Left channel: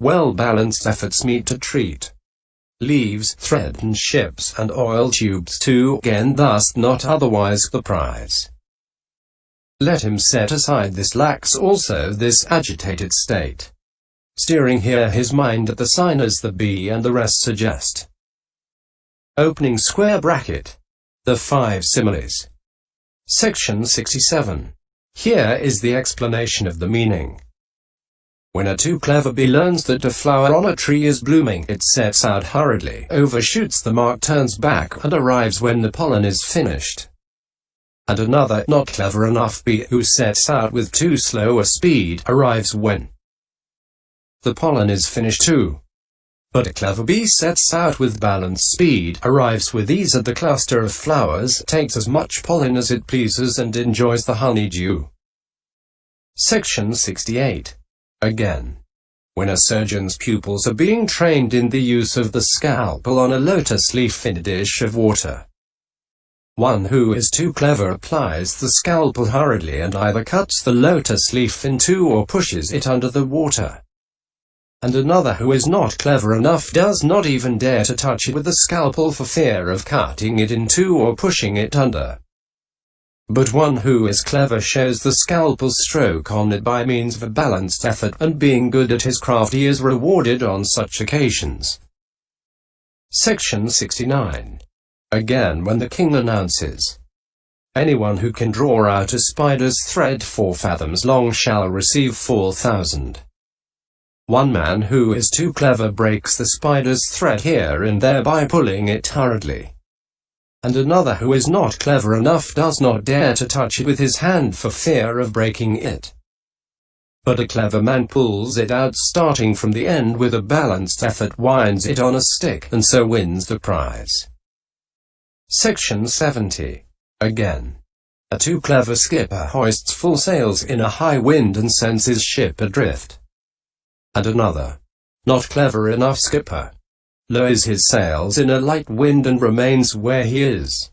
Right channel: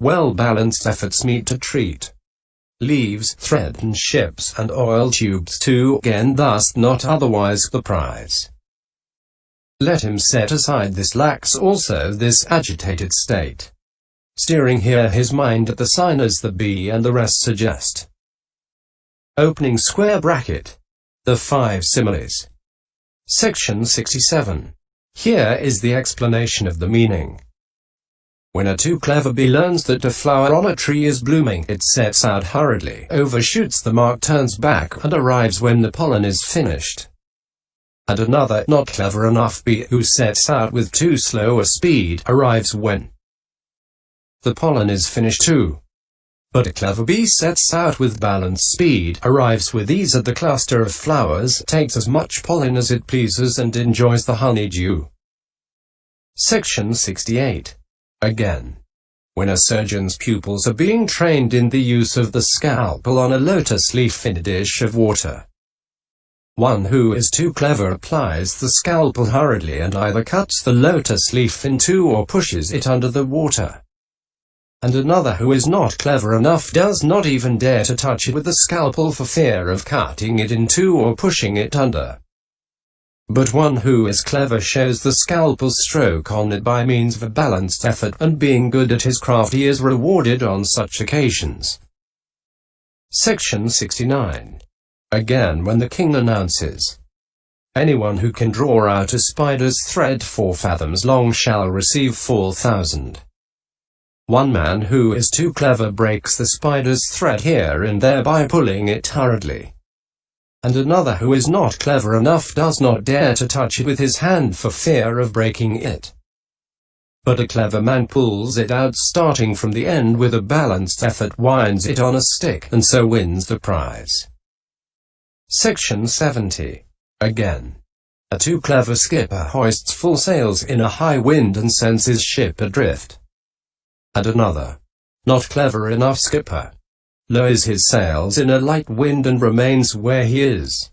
Well-balanced efforts meet to treat. Leaves, thread and ships and oil tubes to gain, thus not otherwise the prize. Let him set aside this lax also this agitated state. Steering here his mind at the sign as the B and the rest suggest. Opening square bracket. The 5 similes. Section 67. Here is the explanation of the meaning. When a too clever bee learns that a flower on a tree is blooming, it sets out hurriedly, overshoots the mark, turns back, and arrives when the pollen is finished. And another, not clever enough bee, who sets out with too slow a speed, arrives when the pollen is finished too. But a clever bee sets out with balanced speed, arrives with ease at the cluster of flowers, takes as much pollen as it pleases, and enjoys the honeydew. Section 68. Again, when a surgeon's pupils are being trained in the use of the scalpel on a lotus leaf in a dish of water, one who is too clever applies the scalpel hurriedly and either cuts the lotus leaf in two or pushes it under the water. And another who is not clever enough does not even dare to touch it with the scalpel for fear of cutting it in two or pushing it under. But one who is clever shows the scalpel stroke on it by means of a balanced effort, and being good at his craft he is rewarded on such occasions. Section 69. Again, when the king announces, "Anyone who can draw out a spider's thread 4 fathoms long shall receive 4,000. One man who is too clever breaks the spider's thread here and there by pulling it hurriedly. And another who is not clever enough does not dare to touch it with his hand for fear of breaking it. But a clever man pulls it out starting from the end with a balanced effort, winds it on a stick, and so wins the prize." Section 70. Again, a too clever skipper hoists full sails in a high wind and sends his ship adrift. And another, not clever enough skipper, lowers his sails in a light wind and remains where he is.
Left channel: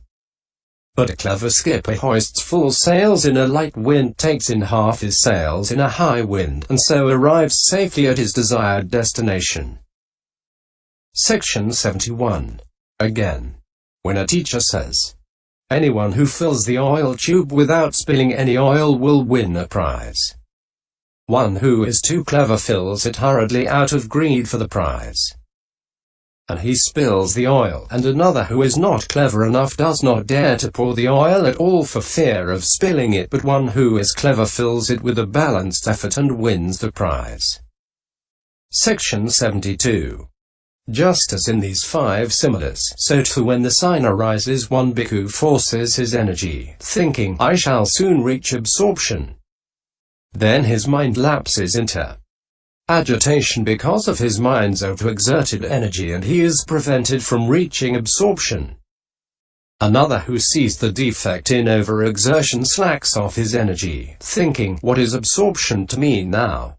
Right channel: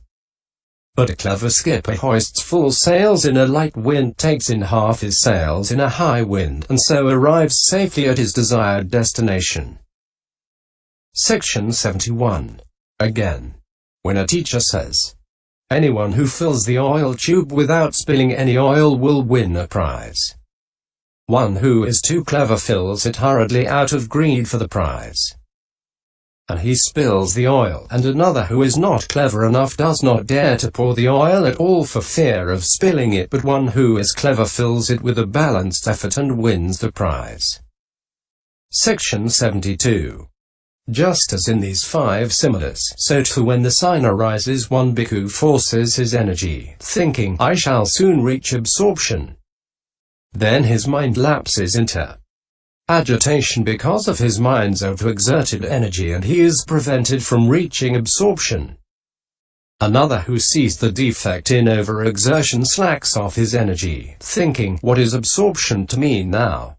But a clever skipper hoists full sails in a light wind, takes in half his sails in a high wind, and so arrives safely at his desired destination. Section 71. Again, when a teacher says, "Anyone who fills the oil tube without spilling any oil will win a prize," one who is too clever fills it hurriedly out of greed for the prize, and he spills the oil, and another who is not clever enough does not dare to pour the oil at all for fear of spilling it, but one who is clever fills it with a balanced effort and wins the prize. Section 72. Just as in these 5 similes, so too when the sign arises, one bhikkhu forces his energy, thinking, "I shall soon reach absorption." Then his mind lapses into agitation because of his mind's overexerted energy, and he is prevented from reaching absorption. Another who sees the defect in overexertion slacks off his energy, thinking, "What is absorption to me now?"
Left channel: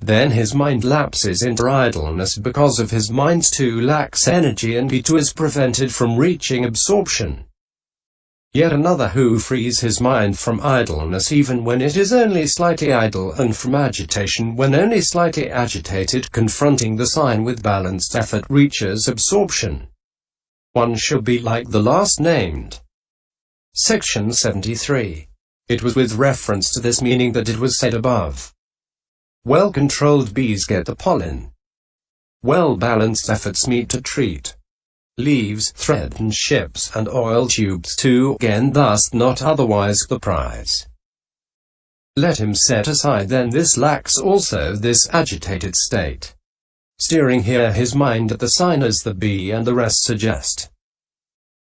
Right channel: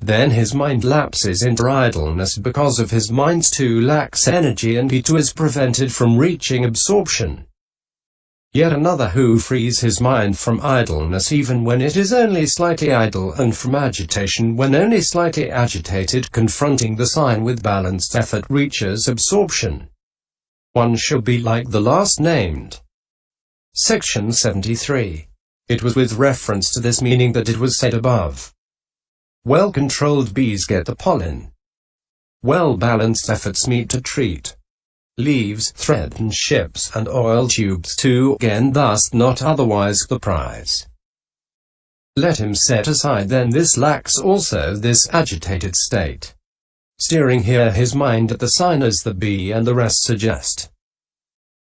Then his mind lapses into idleness because of his mind's too lax energy, and he too is prevented from reaching absorption. Yet another who frees his mind from idleness even when it is only slightly idle, and from agitation when only slightly agitated, confronting the sign with balanced effort, reaches absorption. One should be like the last named. Section 73. It was with reference to this meaning that it was said above, "Well-controlled bees get the pollen. Well-balanced efforts meet to treat. Leaves, thread and ships and oil tubes to gain, thus not otherwise the prize." Let him set aside then this lax also this agitated state, steering here his mind at the sign as the B and the rest suggest.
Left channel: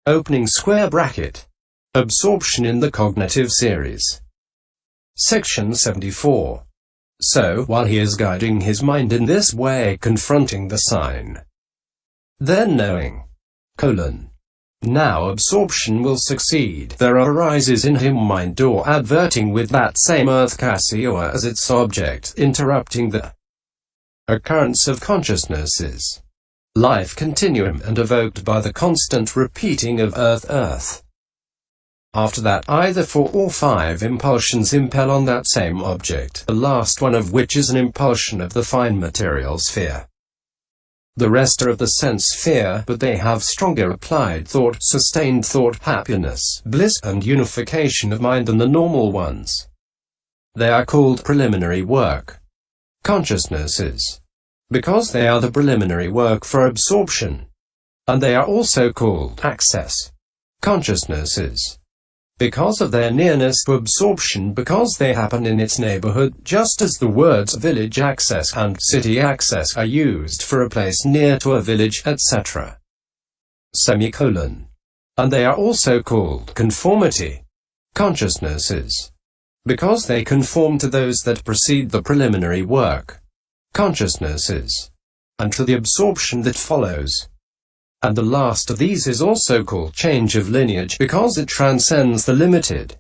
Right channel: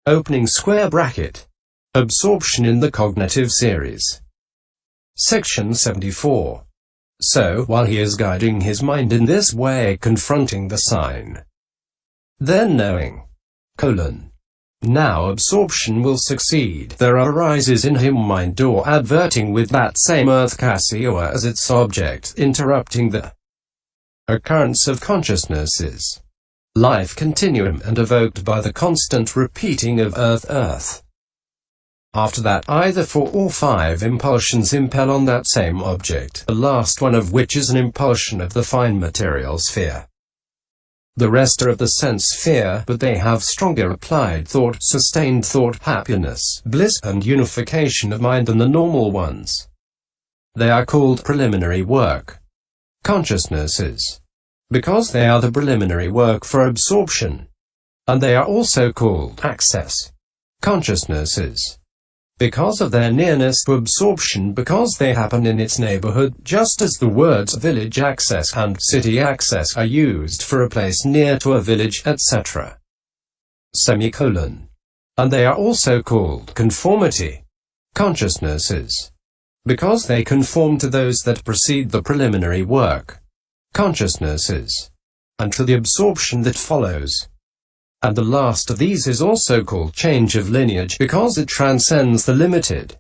Opening square bracket. Absorption in the cognitive series. Section 74. So, while he is guiding his mind in this way, confronting the sign, then knowing, now absorption will succeed, there arises in him mind door adverting with that same earth KASIÓA as its object, interrupting the occurrence of consciousness's life continuum, and evoked by the constant repeating of earth, earth. After that, either 4 or 5 impulsions impel on that same object, the last one of which is an impulsion of the fine material sphere. The rest are of the sense sphere, but they have stronger applied thought, sustained thought, happiness, bliss, and unification of mind than the normal ones. They are called preliminary work consciousnesses, because they are the preliminary work for absorption. And they are also called access consciousnesses, because of their nearness to absorption, because they happen in its neighborhood, just as the words village access and city access are used for a place near to a village, etc. And they are also called conformity consciousnesses, because they conform to those that precede the preliminary work consciousnesses, and to the absorption that follows. And the last of these is also called change of lineage, because it transcends the limited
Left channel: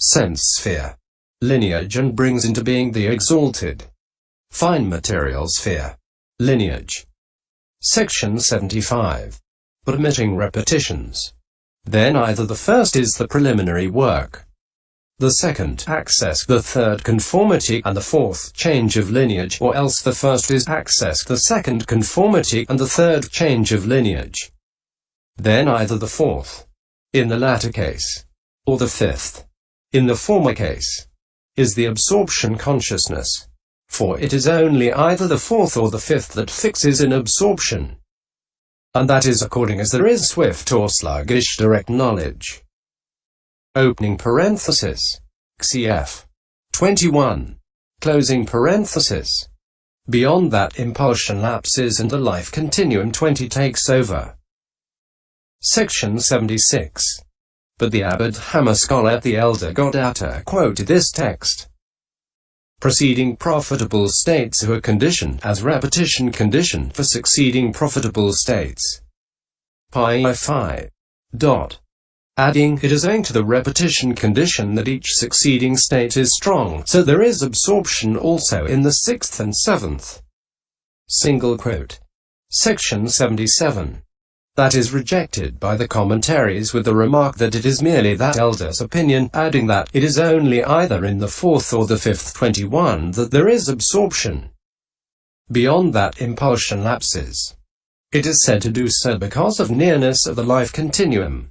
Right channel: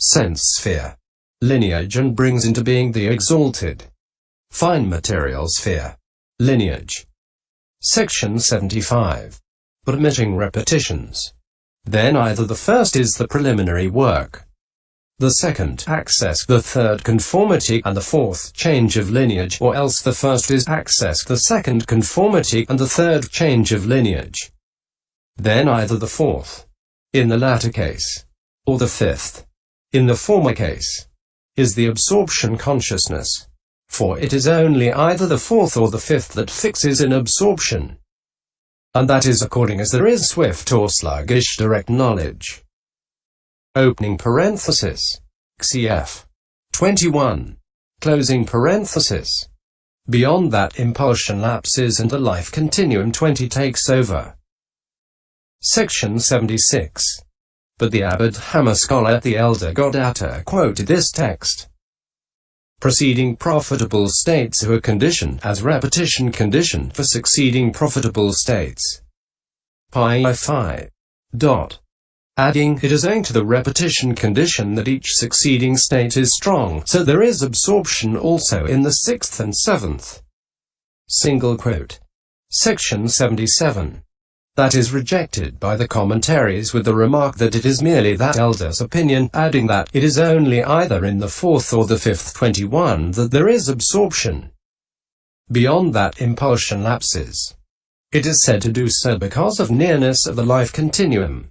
sense sphere lineage and brings into being the exalted fine material sphere lineage. Section 75. But omitting repetitions. Then either the first is the preliminary work, the second access, the third conformity, and the fourth change of lineage, or else the first is access, the second conformity, and the third change of lineage. Then either the fourth, in the latter case, or the fifth, in the former case, is the absorption consciousness, for it is only either the fourth or the fifth that fixes in absorption, and that is according as there is swift or sluggish direct knowledge. Opening parenthesis. Cf. 21. Closing parenthesis. Beyond that, impulsion lapses and the life continuum 20 takes over. Section 76. But the Abhidhamma scholar, the elder Godatta, quoted this text. Preceding profitable states are conditioned as repetition condition for succeeding profitable states. Pi 5. Adding, it is owing to the repetition condition that each succeeding state is strong, so there is absorption also in the sixth and seventh. Single quote. Section 77. That is rejected by the commentaries with the remark that it is merely that elder's opinion, adding that it is only either in the fourth or the fifth 21 that there is absorption. Beyond that, impulsion lapses. It is said to do so because of nearness of the life continuum.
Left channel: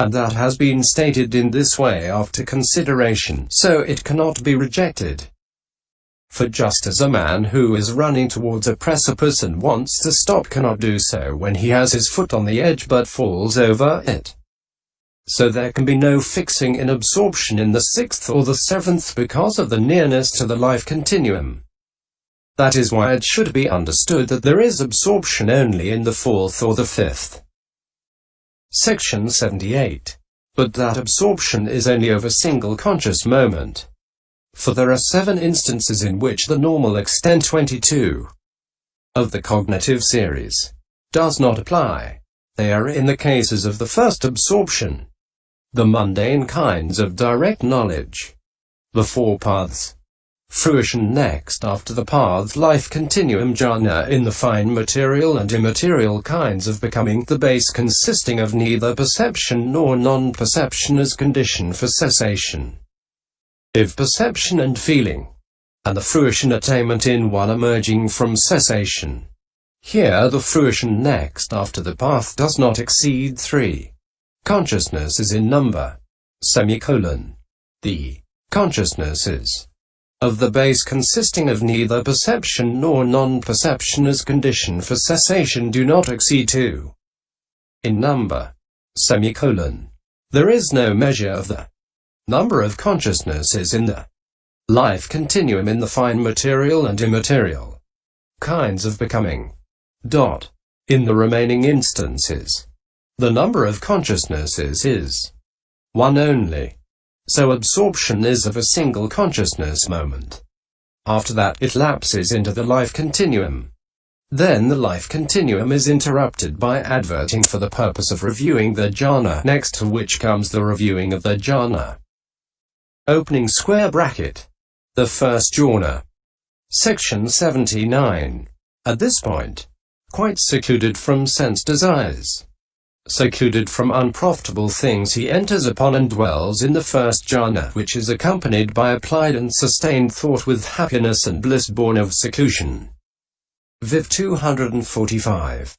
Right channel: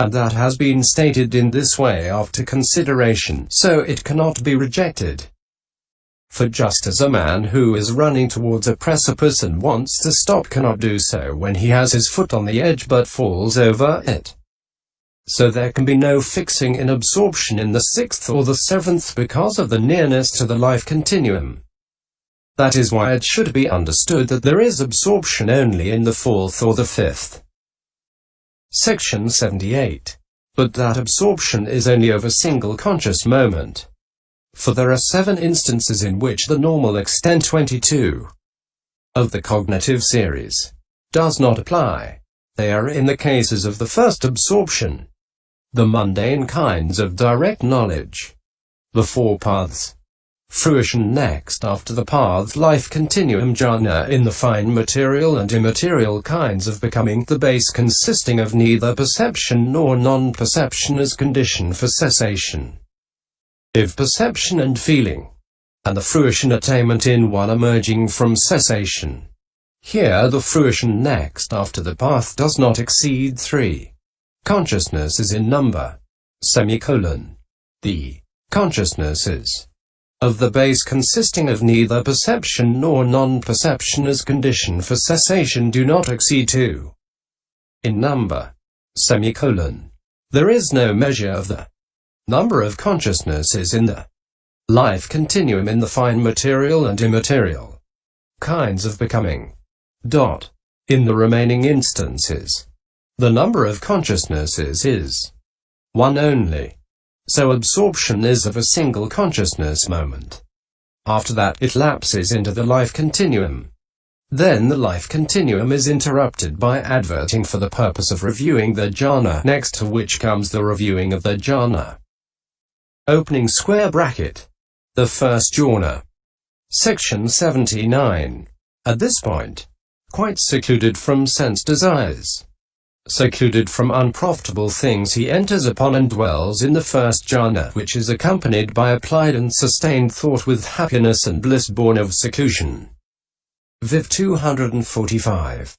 And that has been stated in this way after consideration, so it cannot be rejected. For just as a man who is running towards a precipice and wants to stop cannot do so when he has his foot on the edge but falls over it, so there can be no fixing in absorption in the sixth or the seventh because of the nearness to the life continuum. That is why it should be understood that there is absorption only in the fourth or the fifth. Section 78. But that absorption is only of a single conscious moment. For there are 7 instances in which the normal extent 22 of the cognitive series does not apply. They are in the cases of the first absorption, the mundane kinds of direct knowledge, the 4 paths, fruition next after the path, life continuum, jhana in the fine material and immaterial kinds of becoming, the base consisting of neither perception nor non-perception as condition for cessation, if perception and feeling, and the fruition attainment in one emerging from cessation. Here the fruition next after the path does not exceed 3 consciousnesses in number, the consciousnesses of the base consisting of neither perception nor non-perception as condition for cessation do not exceed 2 in number, There is no measure of the number of consciousnesses in the life continuum in the fine material and immaterial kinds of becoming. In the remaining instances, the number of consciousnesses is 1 only. So absorption is of a single consciousness moment. After that, it lapses into the life continuum. Then the life continuum is interrupted by adverting for the purpose of reviewing the jhana, next to which comes the reviewing of the jhana. Opening square bracket. The first jhana. Section 79. At this point, quite secluded from sense desires, secluded from unprofitable things, he enters upon and dwells in the first jhana, which is accompanied by applied and sustained thought with happiness and bliss born of seclusion. Viv 245.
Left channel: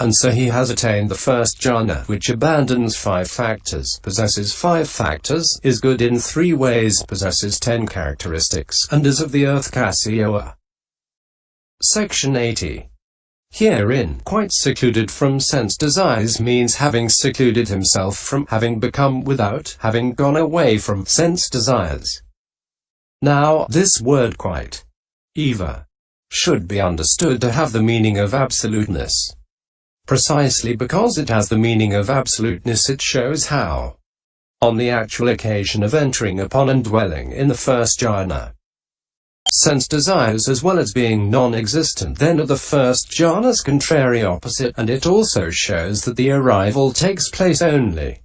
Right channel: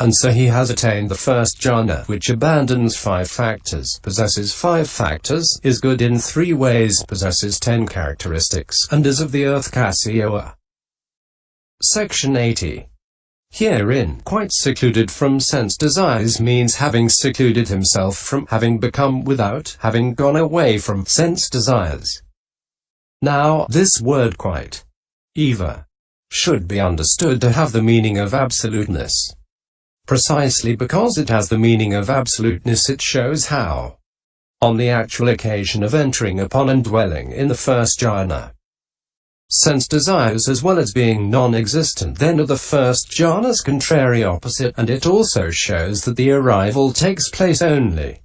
And so he has attained the first jhana, which abandons 5 factors, possesses 5 factors, is good in 3 ways, possesses 10 characteristics, and is of the earth KASIÓA. Section 80. Herein, quite secluded from sense desires means having secluded himself from, having become without, having gone away from sense desires. Now, this word quite, eva, should be understood to have the meaning of absoluteness. Precisely because it has the meaning of absoluteness, it shows how, on the actual occasion of entering upon and dwelling in the first jhana, sense desires, as well as being non-existent, then are the first jhana's contrary opposite, and it also shows that the arrival takes place only,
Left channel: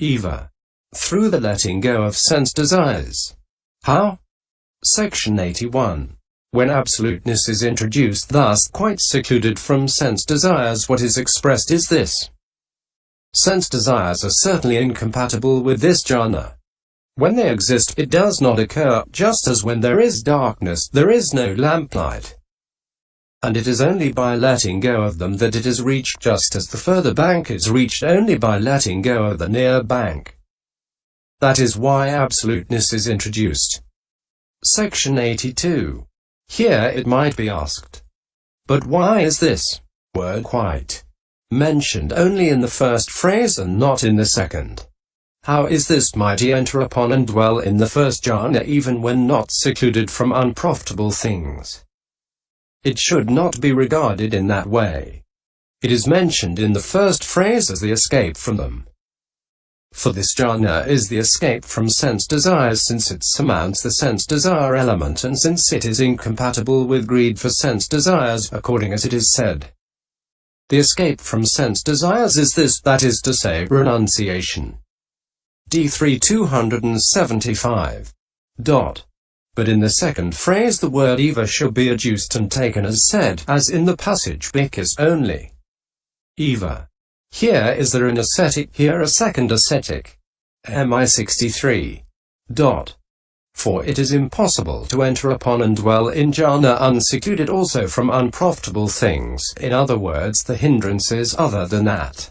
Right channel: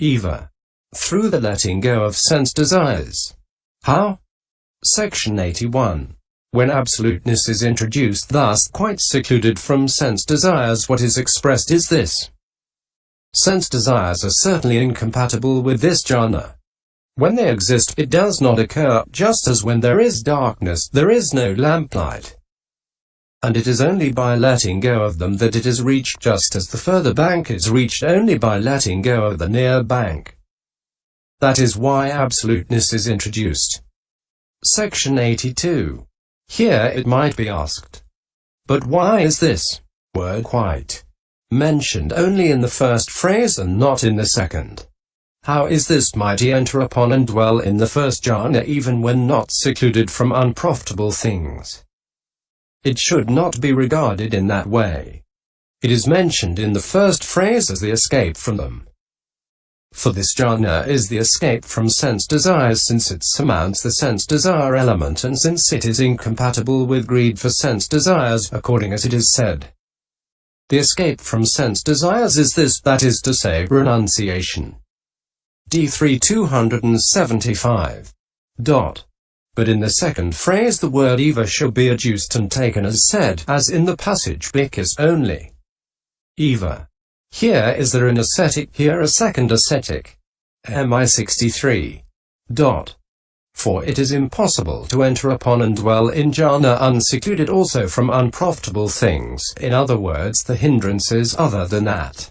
eva, through the letting go of sense desires. How? Section 81. When absoluteness is introduced, thus quite secluded from sense desires, what is expressed is this: sense desires are certainly incompatible with this jhana. When they exist, it does not occur, just as when there is darkness, there is no lamplight. And it is only by letting go of them that it is reached, just as the further bank is reached only by letting go of the near bank. That is why absoluteness is introduced. Section 82. Here it might be asked, but why is this word quite mentioned only in the first phrase and not in the second? How is this mighty enter upon and dwell in the first jhana even when not secluded from unprofitable things? It should not be regarded in that way. It is mentioned in the first phrase as the escape from them. For this jhana is the escape from sense desires, since it surmounts the sense desire element, and since it is incompatible with greed for sense desires, according as it is said. The escape from sense desires is this, that is to say, renunciation. D3 275. But in the second phrase the word eva should be adduced and taken as said, as in the passage Bhikkhu only. Eva. Here is there an ascetic, here a second ascetic. MI 63. For it is impossible to enter upon and dwell in jhana unsecluded also from unprofitable things, in other words the hindrances other than that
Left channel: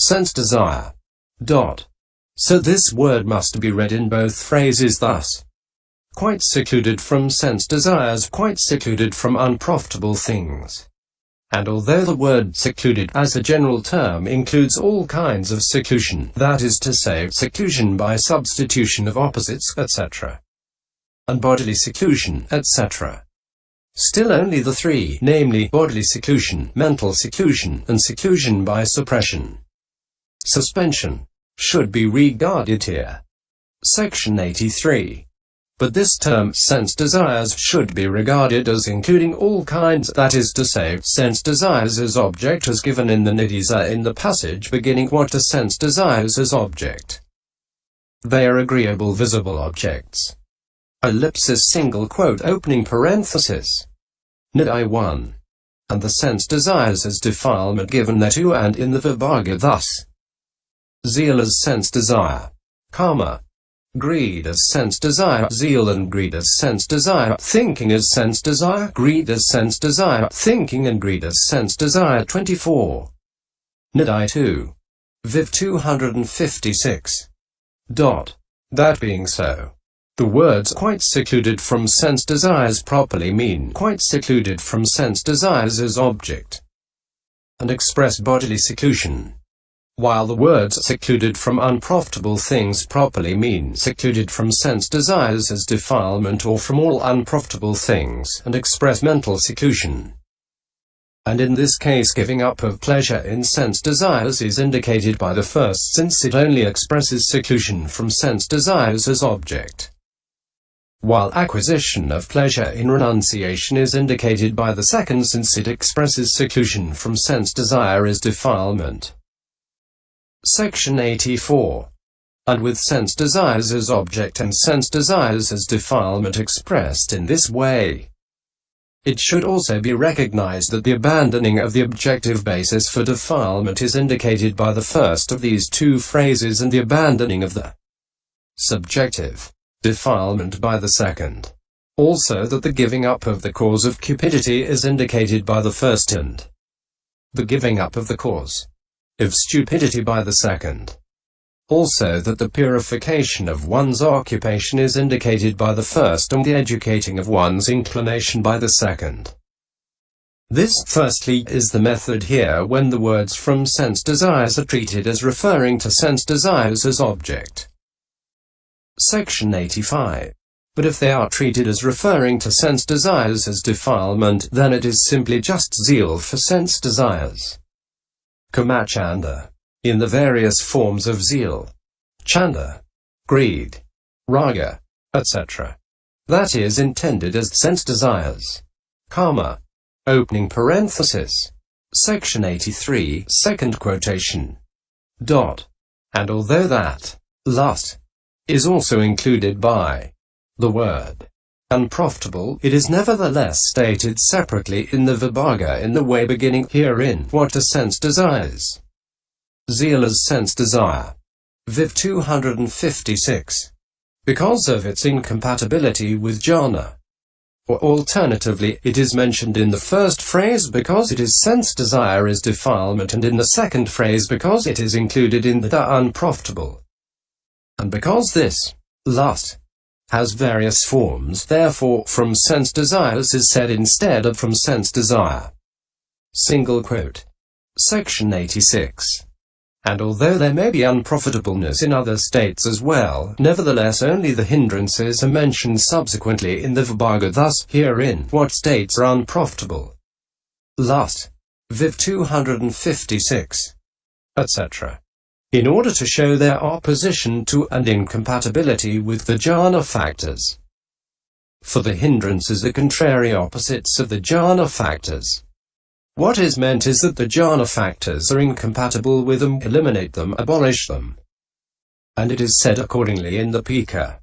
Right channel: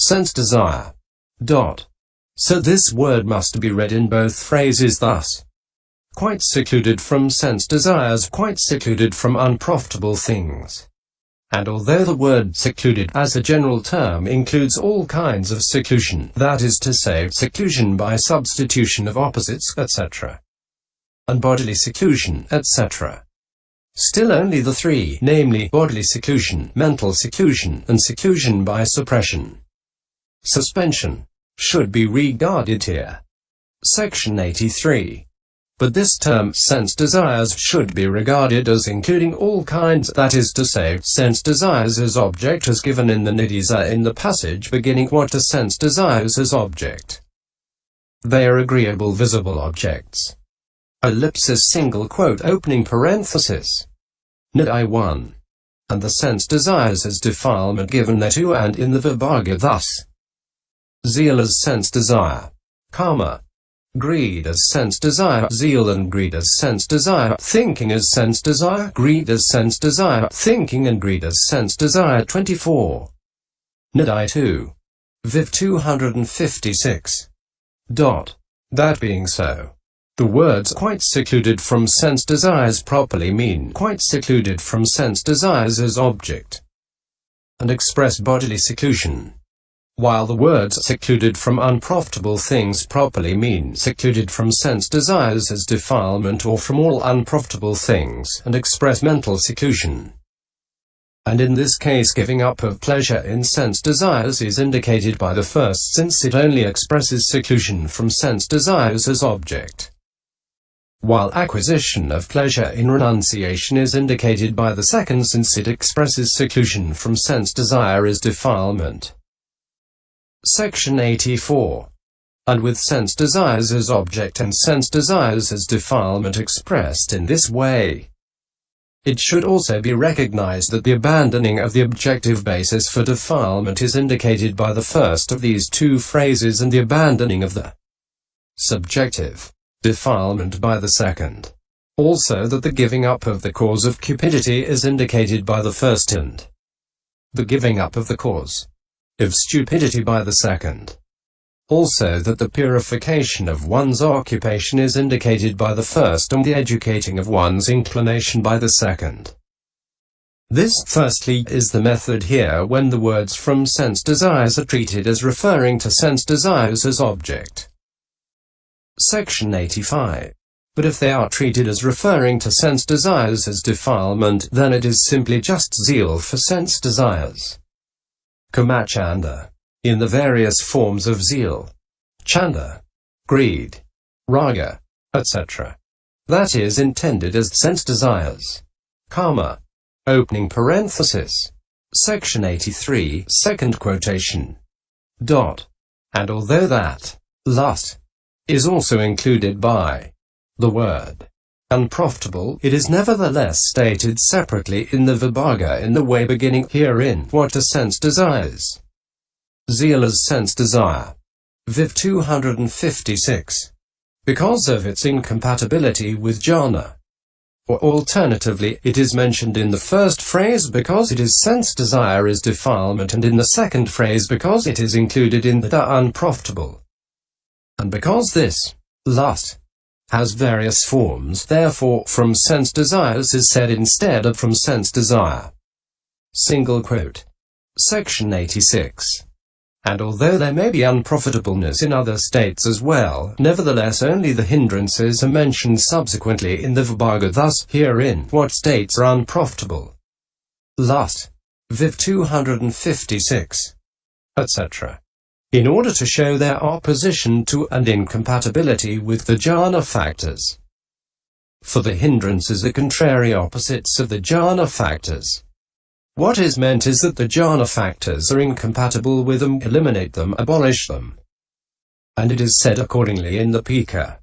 sense desire. So this word must be read in both phrases thus: quite secluded from sense desires, quite secluded from unprofitable things. And although the word secluded as a general term includes all kinds of seclusion, that is to say, seclusion by substitution of opposites, etc., and bodily seclusion, etc., still only the 3, namely, bodily seclusion, mental seclusion, and seclusion by suppression, suspension, should be regarded here. Section 83. But this term, sense desires, should be regarded as including all kinds, that is to say, sense desires as object as given in the Nidisa in the passage beginning what are sense desires as object. They are agreeable visible objects. Ellipsis single quote opening parenthesis. Nidai 1. And the sense desires as defilement given thereto and in the Vibhaga thus: zeal as sense desire, karma, greed as sense desire, zeal and greed as sense desire, thinking as sense desire, greed as sense desire, thinking and greed as sense desire. 24. Nidai 2. Viv 256. That being so, the words quite secluded from sense desires properly mean quite secluded from sense desires as object, and express bodily seclusion, while the words secluded from unprofitable things properly mean secluded from sense desires as defilement or from all unprofitable things, and express mental seclusion. And in this case giving up of pleasure in sense desires is indicated by the first, since it only expresses seclusion from sense desires as object, while acquisition of pleasure in renunciation is indicated by the second, since it expresses seclusion from sense desire as defilement. Section 84. And with sense desires as object and sense desires as defilement expressed in this way, It should also be recognized that the abandoning of the objective basis for defilement is indicated by the first of these two phrases and the abandoning of the subjective defilement by the second. Also that the giving up of the cause of cupidity is indicated by the first and the giving up of the cause of stupidity by the second. Also that the purification of one's occupation is indicated by the first and the educating of one's inclination by the second. This, firstly, is the method here when the words from sense desires are treated as referring to sense desires as object. Section 85. But if they are treated as referring to sense desires as defilement, then it is simply just zeal for sense desires. Kamachanda. In the various forms of zeal, chanda, greed, raga, etc. That is intended as sense desires. Kama. Opening parenthesis. Section 83, second quotation. And although that, lust, is also included by the word unprofitable, it is nevertheless stated separately in the Vibhaga in the way beginning herein. What are sense desires? Zeal as sense desire. Viv 256. Because of its incompatibility with jhana. Or alternatively, it is mentioned in the first phrase because it is sense desire is defilement, and in the second phrase because it is included in the unprofitable. And because this lust has various forms, therefore from sense desires is said instead of from sense desire. Single quote. Section 86. And although there may be unprofitableness in other states as well, nevertheless only the hindrances are mentioned subsequently in the Vibhaga. Thus, herein, what states are unprofitable? Lust, Viv 256, etc. In order to show their opposition to and incompatibility with the jhana factors. For the hindrances are contrary opposites of the jhana factors. What is meant is that the jhana factors are incompatible with them, eliminate them, abolish them. And it is said accordingly in the Pika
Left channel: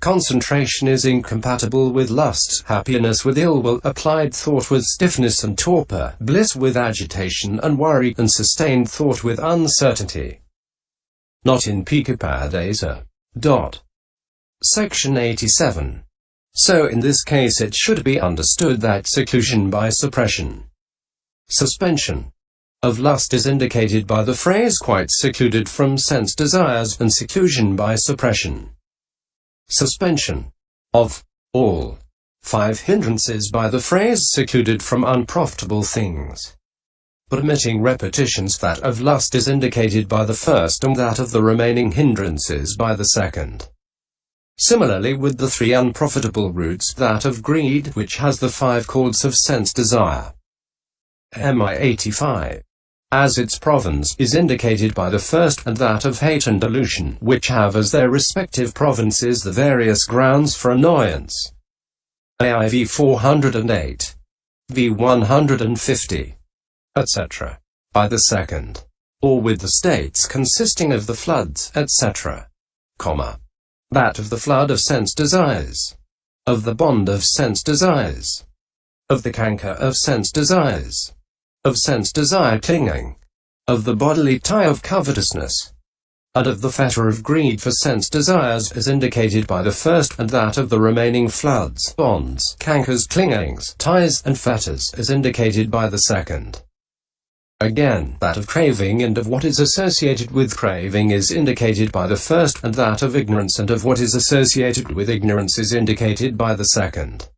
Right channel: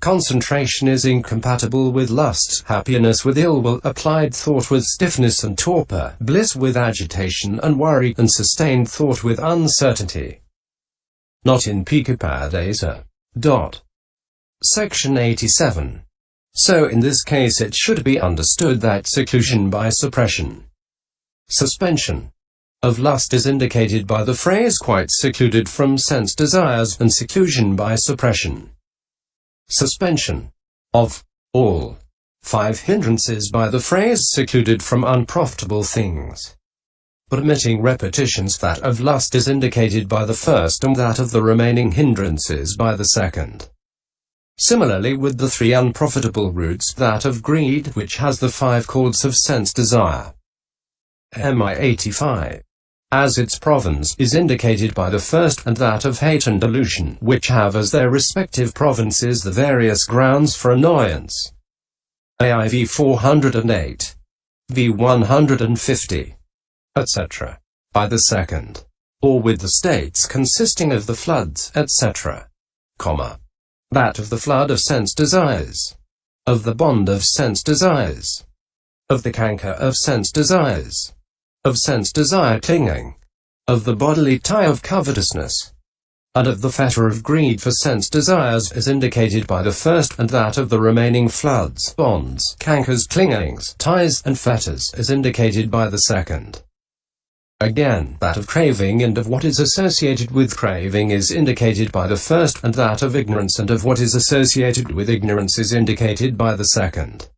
concentration is incompatible with lust, happiness with ill will, applied thought with stiffness and torpor, bliss with agitation and worry, and sustained thought with uncertainty. Not in Pika. Section 87. So in this case it should be understood that seclusion by suppression, suspension, of lust is indicated by the phrase quite secluded from sense desires, and seclusion by suppression, suspension, of all 5 hindrances by the phrase secluded from unprofitable things. But omitting repetitions, that of lust is indicated by the first and that of the remaining hindrances by the second. Similarly with the 3 unprofitable roots, that of greed, which has the 5 chords of sense desire. MI 85. As its province, is indicated by the first, and that of hate and delusion, which have as their respective provinces the various grounds for annoyance. AIV 408. V 150. etc. By the second. Or with the states consisting of the floods, etc. That of the flood of sense desires. Of the bond of sense desires. Of the canker of sense desires. Of sense desire clinging, of the bodily tie of covetousness, and of the fetter of greed for sense desires is indicated by the first, and that of the remaining floods, bonds, cankers, clingings, ties, and fetters is indicated by the second. Again, that of craving and of what is associated with craving is indicated by the first, and that of ignorance and of what is associated with ignorance is indicated by the second.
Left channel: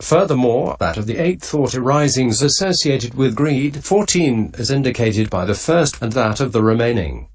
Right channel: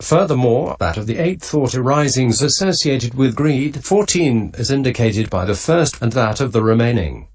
Furthermore, that of the 8 thought arisings associated with greed 14 is indicated by the first, and that of the remaining